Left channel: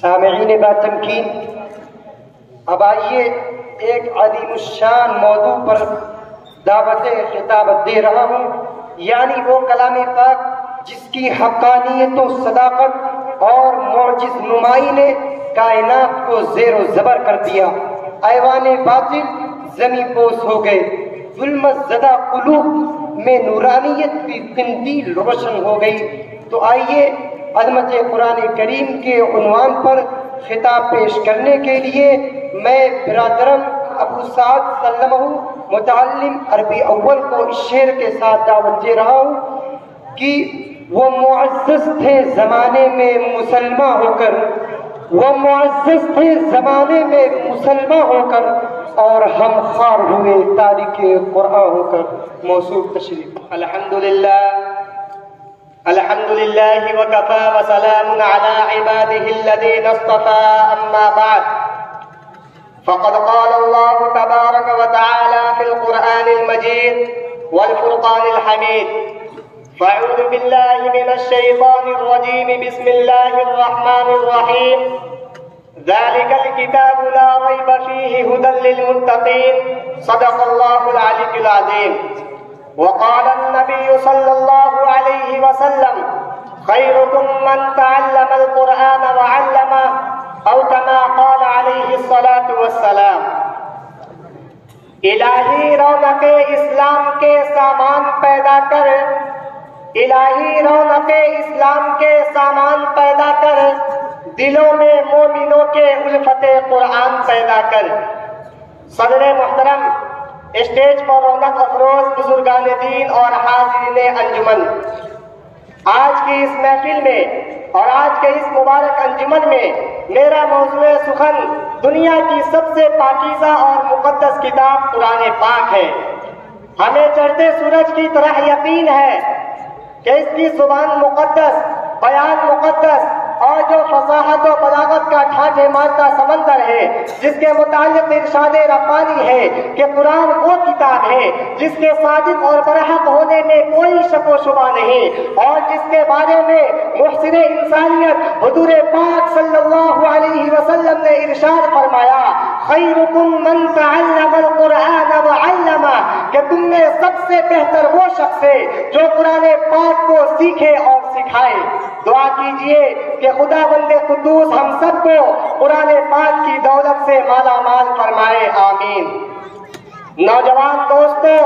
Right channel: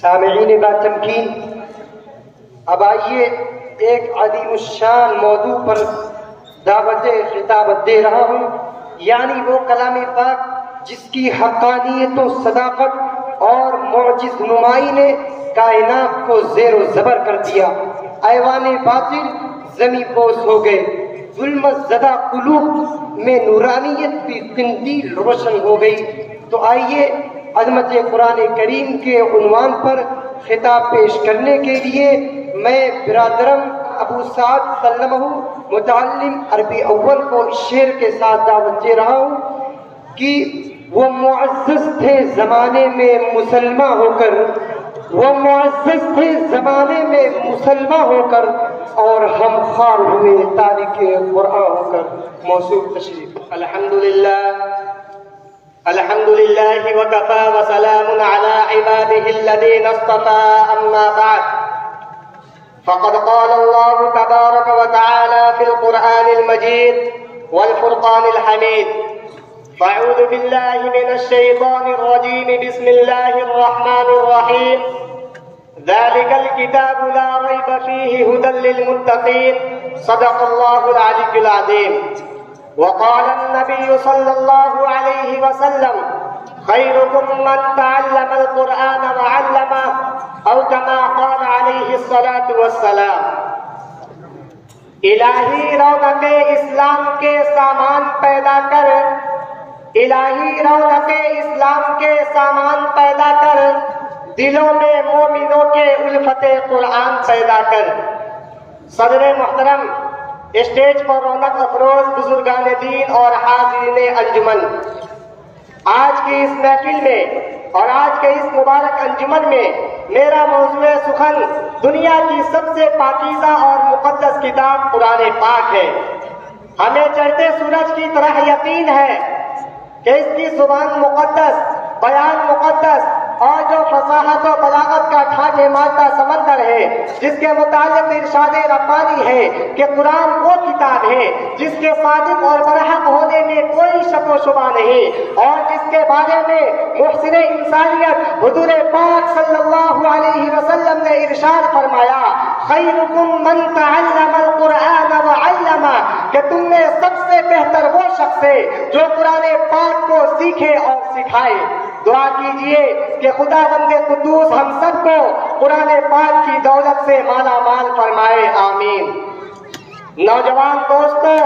سامعین با تمکین، اب آئیے ایک عظیم الشان موضوع پر دعوت خطابت دے رہا ہوں، یعنی وہ کلام پاک جس کی حقانیت و صداقت اور معجز نمائی نے کائنات کو زیر و زبر کر دیا۔ ایوان باطل زمین پوش ہو گئے، ظلمت زدہ قلوب میں نورانیت کی قندیل روشن ہو گئی۔ تو آئیے عظمت قرآن کریم کے عنوان پر خطاب پیش کرنے کے لیے میں برادرم ابو سعد سلمہ متعلم عربی اول کو اس شعر کے ساتھ دعوت دے رہا ہوں کہ وہ معزز تھے زمانے میں مسلمہ ہو کر، وہ معزز تھے زمانے میں مسلمہ ہو کر، اور ہم خوار ہوئے تارک قرآن ہو کر۔ موصوف تشریف۔ الحمد لله وكفى وسلام على عباده الذين اصطفى أما بعد، فقد قال الله تبارك وتعالى في القرآن المجيد والفرقان الحميد: فأعوذ بالله من الشيطان الرجيم، بسم الله الرحمن الرحيم، ذلك الكتاب لا ريب فيه هدى للمتقين، صدق الله العلي العظيم۔ وقال النبي صلى الله عليه وسلم: خيركم من تعلم القرآن وعلمه، أو كما قال عليه الصلاة والسلام۔ الہی رونق اسلام کے سامان پیدا کر، الہی رونق اسلام کے سامان پیدا کر، دلوں میں مومنوں کے الفت قرآن پیدا کر۔ صدر محترم، اسٹیج پر رونق افروز بزرگان دین اور حاضرین انجمن، آج کی اس محفل میں اور آج کے اس مبارک انجمن میں میرا موضوع سخن دنیا کی سب سے پاکیزہ اور مقدس کتاب قرآن پاک ہے۔ ہمیں چڑھتے سورج کی طرح یقین ہے کہ اس کی زبان مقدس، بیان مقدس، اور جو فصاحت و بلاغت کا ٹھاٹھے مارتا سمندر ہے، جس کے متعلق ارشاد ربانی ہے کہ قرآن وہ کتاب ہے جس کے صادق اور برحق ہونے میں کوئی شک و شبہ نہیں، اور جس کے بارے میں محسن انسانیت حضور پاک صلی اللہ علیہ وسلم نے ارشاد فرمایا: خیرکم من تعلم القرآن وعلمہ، کہ تم میں سب سے بہتر وہ شخص ہے جو قرآن پاک کو سیکھے اور سکھائے۔ دعا کیجئے کہ خدا بند قدوس ہم سب کو قرآن پاک کی دولت سے مالا مال فرمائے، آمین۔ نوجوان دوستو،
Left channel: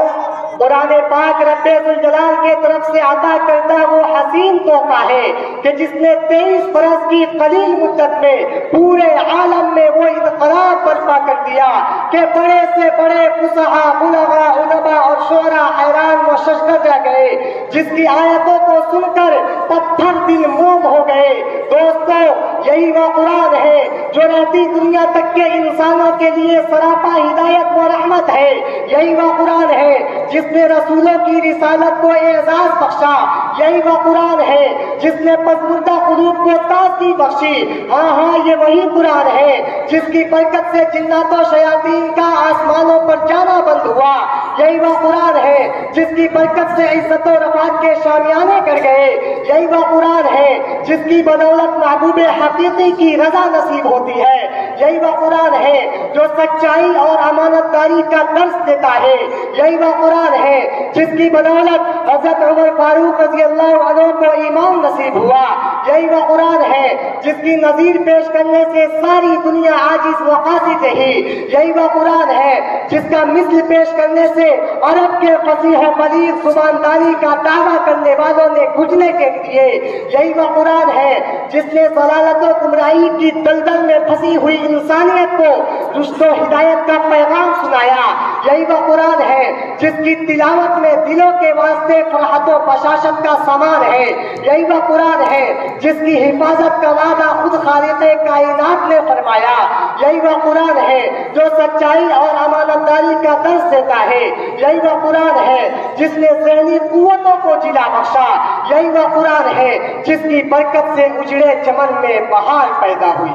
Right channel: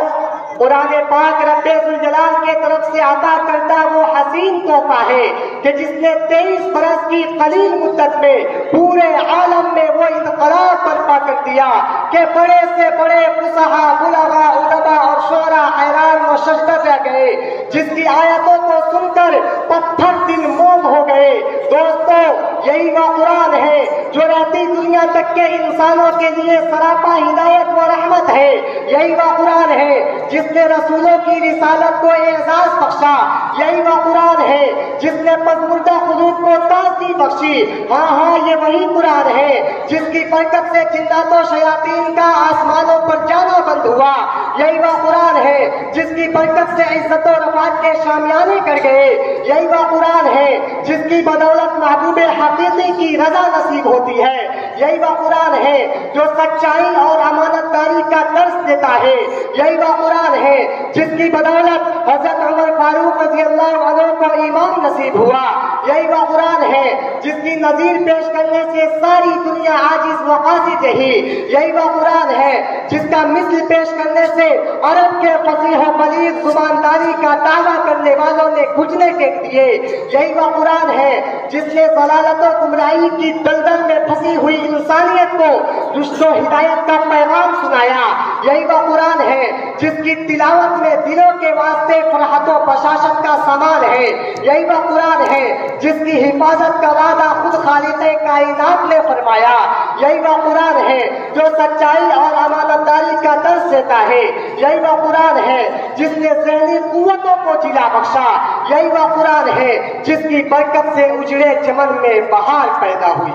قرآن پاک رب ذوالجلال کی طرف سے عطا کردہ وہ حسین تحفہ ہے کہ جس نے 23 برس کی قلیل مدت میں پورے عالم میں وہ انقلاب برپا کر دیا کہ بڑے سے بڑے فصحاء، علماء اور شعراء حیران و ششدر رہ گئے، جس کی آیتوں کو سن کر پتھر دل موم ہو گئے۔ دوستو، یہی وہ قرآن ہے جو رہتی دنیا تک کے انسانوں کے لیے سراپا ہدایت و رحمت ہے۔ یہی وہ قرآن ہے جس نے رسولوں کی رسالت کو اعزاز بخشا۔ یہی وہ قرآن ہے جس نے پسماندہ قلوب کو تازگی بخشی۔ ہاں، یہ وہی قرآن ہے جس کی برکت سے جنات و شیاطین کا آسمانوں پر جانا بند ہوا۔ یہی وہ قرآن ہے جس کی برکت سے عزت و رفعت کے شامیانے کر گئے۔ یہی وہ قرآن ہے جس کی بدولت محبوب حقیقی کی رضا نصیب ہوتی ہے۔ یہی وہ قرآن ہے جو سچائی اور امانت داری کا درس دیتا ہے۔ یہی وہ قرآن ہے جس کی بدولت حضرت عمر فاروق رضی اللہ عنہ کو ایمان نصیب ہوا۔ یہی وہ قرآن ہے جس کی نظیر پیش کرنے سے ساری دنیا عاجز و قاصد رہی۔ یہی وہ قرآن ہے جس کا مثل پیش کرنے سے عرب کے فصیح و بلیغ زبانداری کا دعویٰ کرنے والوں نے گھٹنے ٹیک دیے۔ یہی وہ قرآن ہے جس نے ضلالت و گمراہی کی دلدل میں پھنسی ہوئی انسانیت کو رشد و ہدایت کا پیغام سنایا۔ یہی وہ قرآن ہے جس کی تلاوت میں دلوں کے واسطے فرحت و بشاشت کا سامان ہے۔ یہی وہ قرآن ہے جس کی حفاظت کا وعدہ خود خالق کائنات نے فرمایا۔ یہی وہ قرآن ہے جو سچائی اور امانت داری کا درس دیتا ہے۔ یہی وہ قرآن ہے جس نے ذہنی قوتوں کو جلا بخشا۔ یہی وہ قرآن ہے جس کی برکت سے اجڑے چمن میں بہار پیدا ہوئی۔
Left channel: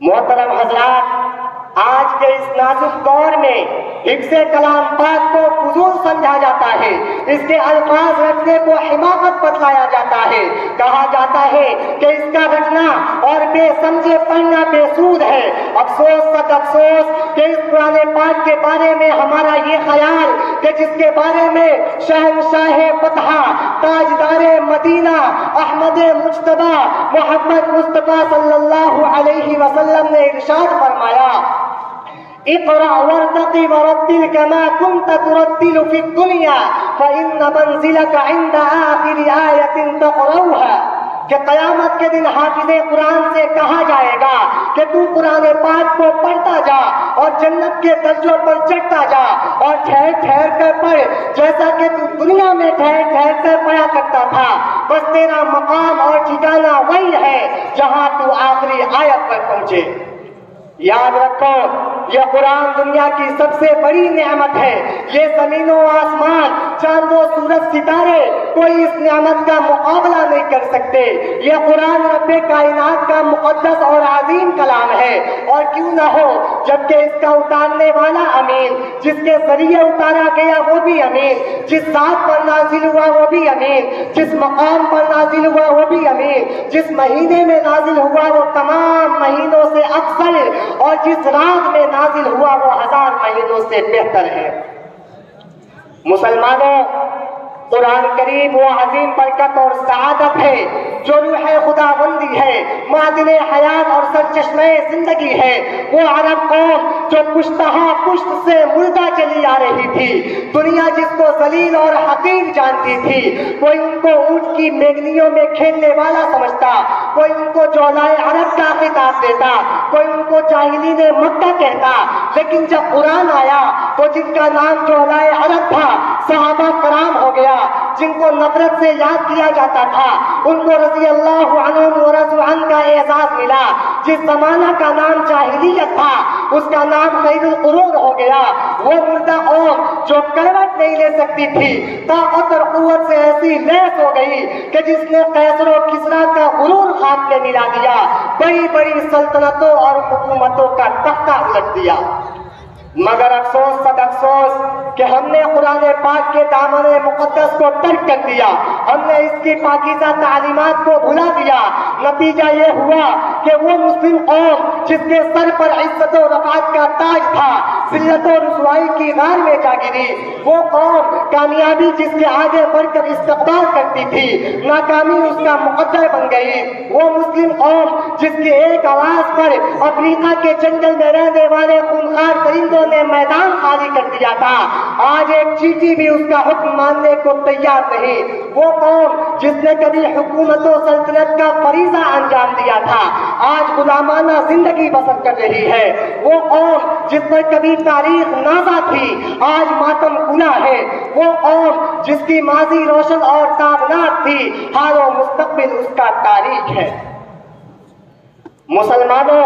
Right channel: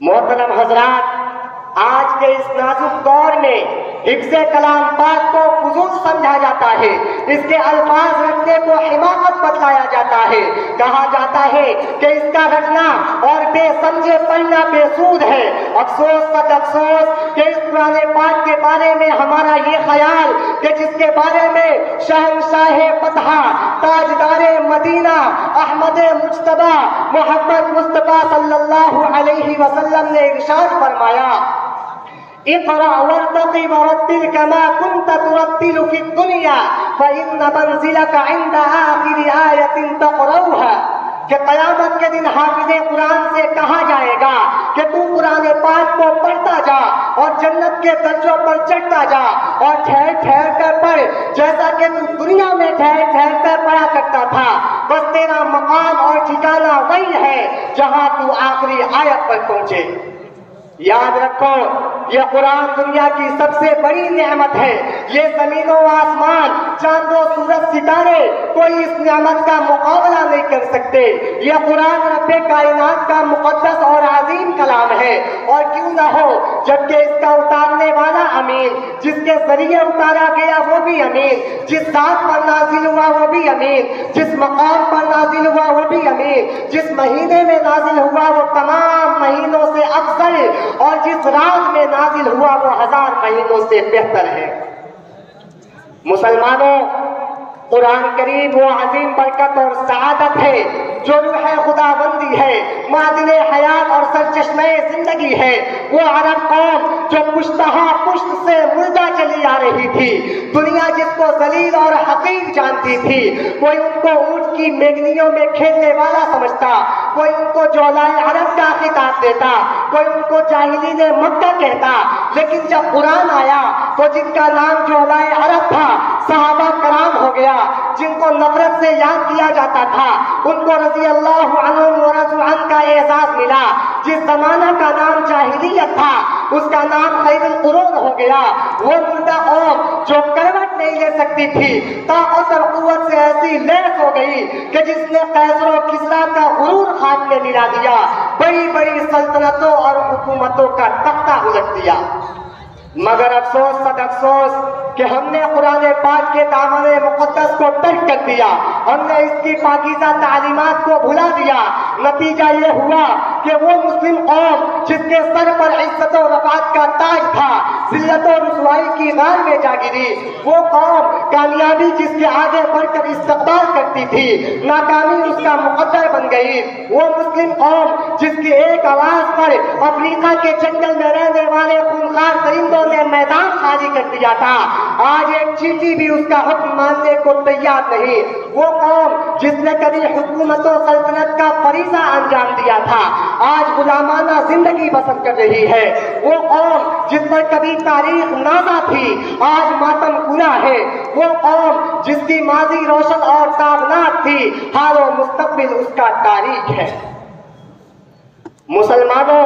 محترم حضرات، آج کے اس نازک دور میں حفظ کلام پاک کو فضول سمجھا جاتا ہے، اس کے الفاظ رکھنے کو حماقت بتایا جاتا ہے، کہا جاتا ہے کہ اس کا رکھنا افسوس سچ افسوس کہ اس قرآن پاک کے بارے میں ہمارا یہ خیال کہ جس کے بارے میں شہنشاہ فتح تاجدار مدینہ احمد مجتبی محمد مصطفیٰ صلی اللہ علیہ وسلم نے ارشاد فرمایا اقرأ وارتقي ورتل كما كنت ترتل في الدنيا فإن منزلك عند آخر آية تقرأها کہ قیامت کے دن حافظ قرآن سے کہا جائے گا کہ تو قرآن پاک کو پڑھتا جا اور جنت کے درجوں پر چڑھتا جا اور ٹھہر ٹھہر کر پڑھ جیسا کہ تو دنیا میں ٹھہر ٹھہر کر پڑھا کرتا تھا، بس تیرا مقام اور ٹھکانہ وہی ہے جہاں تو آخری آیت پر پہنچے۔ یاد رکھو یہ قرآن دنیا کی سب سے بڑی نعمت ہے، یہ زمین و آسمان چاند و سورج ستارے کوئی اس نعمت کا مقابلہ نہیں کر سکتے۔ یہ قرآن رب کائنات کا مقدس اور عظیم کلام ہے، اور کیوں نہ ہو جبکہ اس کا اتارنے والا امین، جس کے ذریعے اتارا گیا وہ بھی امین، جس ذات پر نازل ہوا وہ بھی امین، جس مقام پر نازل ہوا وہ بھی امین، جس مہینے میں نازل ہوا وہ تمام مہینوں سے افضل، اور جس رات میں نازل ہوا وہ 1000 مہینوں سے بہتر ہے۔ مسلمانوں، قرآن کریم وہ عظیم برکت اور سعادت ہے جو روح خدا بندی ہے، معدن حیات اور سرچشمہ زندگی ہے۔ وہ عرب قوم جو پشتہا پشت سے مردہ چلی آ رہی تھی، دنیا جس کو ذلیل اور حقیر جانتی تھی، کوئی ان کو اونٹ کی مینگنیوں میں کھیلنے والا سمجھتا، کوئی ان کو جولائے عرب کا خطاب دیتا، کوئی ان کو جاہلین مکہ کہتا، لیکن جب قرآن آیا تو جن کا نام جولائے عرب تھا صحابہ کرام ہو گیا، جن کو نفرت سے یاد کیا جاتا تھا ان کو رضی اللہ عنہم ورضوا عنہ کا اعزاز ملا، جس زمانہ کا نام جاہلیت تھا اس کا نام خیر القرون ہو گیا۔ وہ مردہ قوم جو کروٹ نہیں لے سکتی تھی طاقت اور قوت سے ایسی لیس ہو گئی کہ جس نے قیصر و کسریٰ کا غرور خاک میں ملا دیا، بڑی بڑی سلطنتوں اور حکومتوں کا تختہ الٹ دیا۔ مگر افسوس سد افسوس کہ ہم نے قرآن پاک کے دامن مقدس کو ترک کر دیا، ہم نے اس کی پاکیزہ تعلیمات کو بھلا دیا۔ نتیجہ یہ ہوا کہ وہ مسلم قوم جس کے سر پر عزت و رفعت کا تاج تھا ذلت و رسوائی کی غار میں جا گری، وہ قوم کامیابی جس کے آگے بڑھ کر استقبال کرتی تھی ناکامی اس کا مقدر بن گئی، وہ مسلم قوم جس کی ایک آواز پر افریقہ کے جنگل میں رہنے والے خونخوار درندوں نے میدان خالی کر دیا تھا، آج ایک چیٹی بھی اس کا حکم ماننے کو تیار نہیں۔ وہ قوم جس نے کبھی حکومت و سلطنت کا فریضہ انجام دیا تھا آج غلامانہ زندگی بسر کر رہی ہے، وہ قوم جس پر کبھی تاریخ نازا تھی آج ماتم پورا ہے، وہ قوم جس کی ماضی روشن اور تابناک تھی حال و مستقبل اس کا تاریخ ہے۔ مسلمانوں،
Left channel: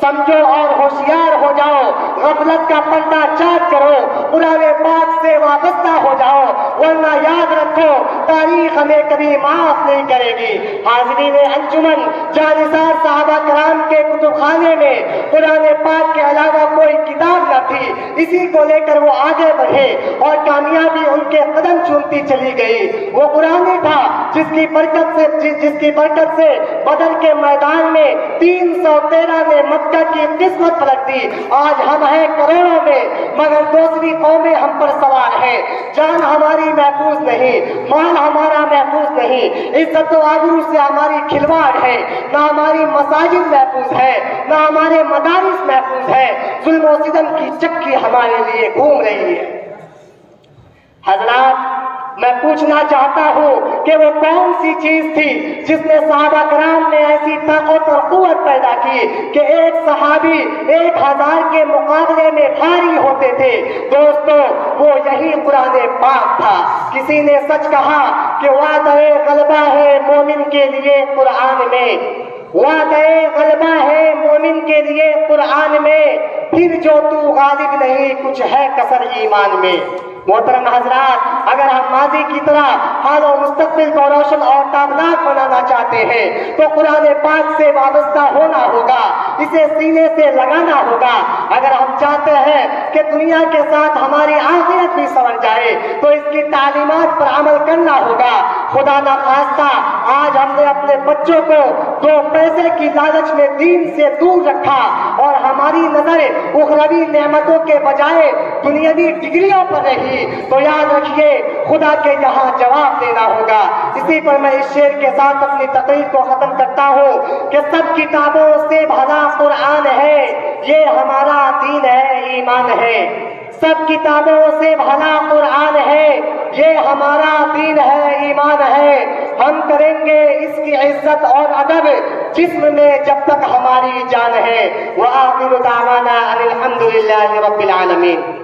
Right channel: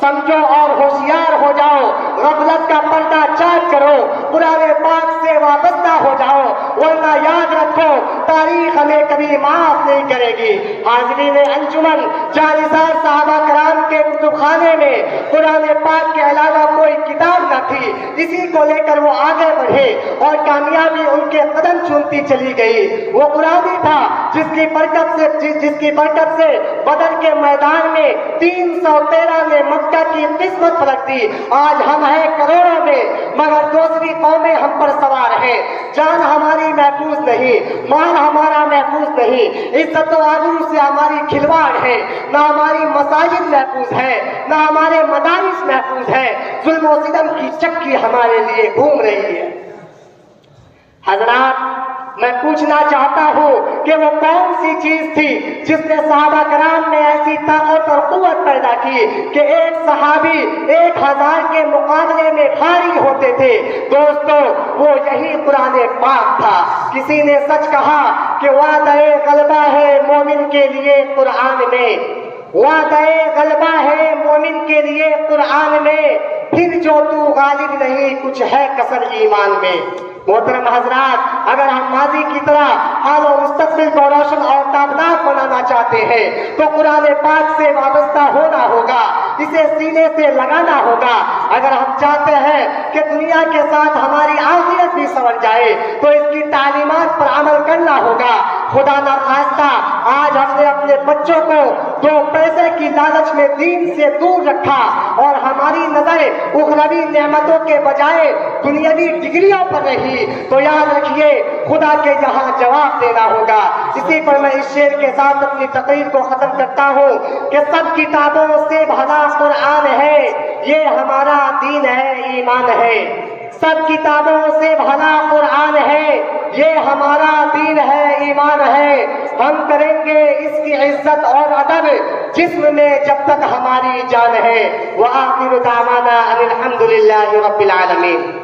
سمجھو اور ہوشیار ہو جاؤ، غفلت کا پردہ چاک کرو، قرآن پاک سے وابستہ ہو جاؤ، ورنہ یاد رکھو تاریخ ہمیں کبھی معاف نہیں کرے گی۔ حاضرین انجمن، جانثار صحابہ کرام کے کتب خانے میں قرآن پاک کے علاوہ کوئی کتاب نہ تھی، اسی کو لے کر وہ آگے بڑھے اور کامیابی ان کے قدم چومتی چلی گئی۔ وہ قرآن تھا جس کی برکت سے بدر کے میدان میں 313 نے مکہ کی قسمت رکھ دی۔ آج ہم ہیں کروڑوں میں مگر دوسری قومیں ہم پر سوار ہیں، جان ہماری محفوظ نہیں، مال ہمارا محفوظ نہیں، عزت و آبرو سے ہماری کھلواڑ ہے، نہ ہماری مساجد محفوظ ہے نہ ہمارے مدارس محفوظ ہے، ظلم و ستم کی چکی ہمارے لیے گھوم رہی ہے۔ حضرات، میں پوچھنا چاہتا ہوں کہ وہ کون سی چیز تھی جس نے صحابہ کرام میں ایسی طاقت اور قوت پیدا کی کہ ایک صحابی 1000 کے مقابلے میں بھاری ہوتے تھے؟ دوستو، وہ یہی قرآن پاک تھا۔ کسی نے سچ کہا کہ وعدہ غلبہ ہے مومن کے لیے قرآن میں، وعدہ غلبہ ہے مومن کے لیے قرآن میں، پھر جو تو غالب نہیں کچھ ہے کسر ایمان میں۔ محترم حضرات، اگر ہم ماضی کی طرح حال و مستقبل کو روشن اور تابناک بنانا چاہتے ہیں تو قرآن پاک سے وابستہ ہونا ہوگا، اسے سینے سے لگانا ہوگا۔ اگر ہم چاہتے ہیں کہ دنیا کے ساتھ ہماری آخرت بھی سنور جائے تو اس کی تعلیمات پر عمل کرنا ہوگا۔ خدا نخواستہ آج ہم نے اپنے بچوں کو 2 پیسے کی لالچ میں دین سے دور رکھا اور ہماری نظر اخروی نعمتوں کے بجائے دنیاوی ڈگریوں پر رہی، تو یاد رکھیے خدا کے یہاں جواب دینا ہوگا۔ اسی پر میں اس شعر کے ساتھ اپنی تقریر کو ختم کرتا ہوں کہ سب کتابوں سے بھلا قرآن ہے، یہ ہمارا دین ہے، ایمان ہے۔ سب کتابوں سے بھلا قرآن ہے، یہ ہمارا دین ہے، ایمان ہے۔ ہم کریں گے اس کی عزت اور ادب جسم میں جب تک ہماری جان ہے۔ وآخر دعوانا ان الحمد للہ رب العالمین۔